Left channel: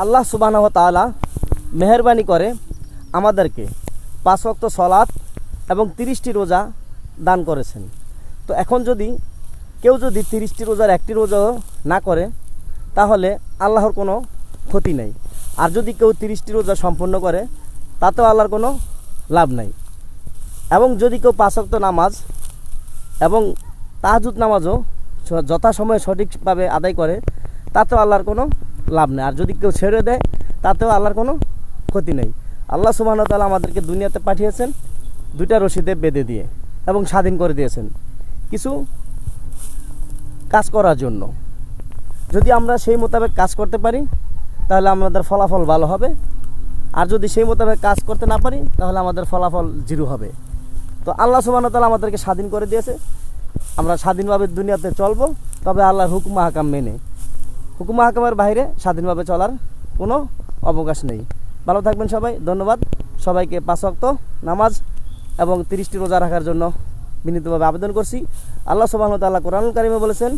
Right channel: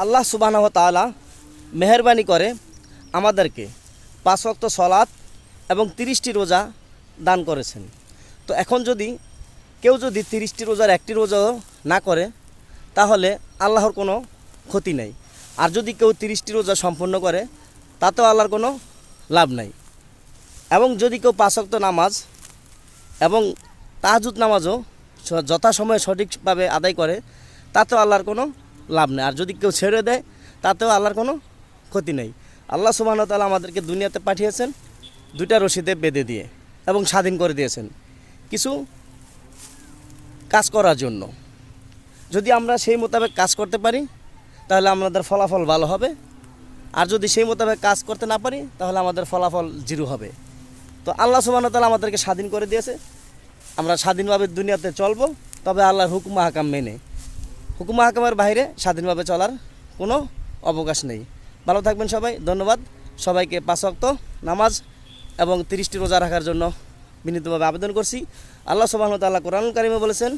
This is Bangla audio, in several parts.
আল্লাহ সুবহানাহু ওয়া তাআলা মেহেরবানি করে আমাদেরকে 5 ওয়াক্ত সালাত এবং 30টি রোজা দান করেছেন। তো এখন যদি কেউ যদি 30টি রোজার একটি রোজাও না করে তাহলে আল্লাহর কোনো ক্ষতি নেই। আর যদি কেউ 30টি রোজা সম্পূর্ণ করে তাতেও আল্লাহর কোনো লাভ নাই। এবং যদি কেউ 5 ওয়াক্ত নামাজ এবং তাহাজ্জুদ নামাজও যথাসময়ে সঠিকভাবে আদায় করে তাতেও আল্লাহর কোনো লাভ নেই। আর যদি কেউ ছেড়ে দেয় তাতেও আল্লাহর কোনো ক্ষতি নেই। আল্লাহ সুবহানাহু ওয়া তাআলা আমাদেরকে দুনিয়াতে পাঠিয়েছেন দুইটা রশিদে বেঁধে দিয়ে এবং স্বাধীন করে দিয়েছেন কিছু কাজ করার জন্য। যদি আমরা সেই মোতাবেক কাজ করতে পারি তাহলে আমাদের ফলাফল ভালো হবে, আর যদি সেই মোতাবেক কাজ করতে না পারি তাহলে আমাদের ফলাফল জিরো হবে। তো আল্লাহ সুবহানাহু ওয়া তাআলা আমাদেরকে স্বাধীন করে দিয়েছে, আমরা স্বাধীনভাবে দুনিয়াতে চলবো, তবে আল্লাহর হুকুম আহকাম মেনে। হুকুম আহকামের বাইরে স্বাধীনভাবে চলার কোনো অবকাশ নেই। ভালো থাকবেন সবাই, ধন্যবাদ। সবাইকে 5 ওয়াক্ত নামাজ এবং 30টি রোজা রাখার জন্য বিনীতভাবে আবেদন করছি। আল্লাহ সুবহানাহু ওয়া তাআলা কোরআনুল কারীমে বলেছেন,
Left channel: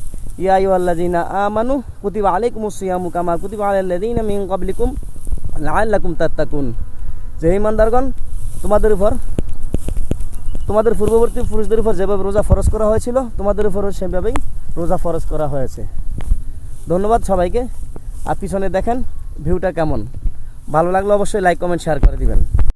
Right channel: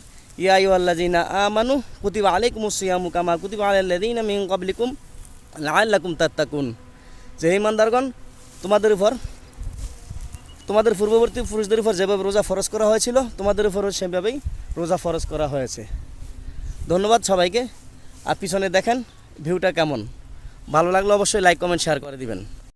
ইয়া আইয়ুহাল্লাযীনা আমানু কুতিবা আলাইকুমুস সিয়ামু কামা কুতিবা আলাল লাযীনা মিন ক্বাবলিকুম লাআল্লাকুম তাত্তাকুন। যে ঈমানদারগণ, তোমাদের পূর্ববর্তী পুরুষদের উপর যেভাবে রোজা ফরজ করা হয়েছিল তোমাদের উপরও সেভাবেই রোজা ফরজ করা হয়েছে। ধন্যবাদ সবাইকে। আর পিছনে দেখেন ভিউটা কেমন, ভালো লাগলে অবশ্যই লাইক কমেন্ট শেয়ার করে দিবেন।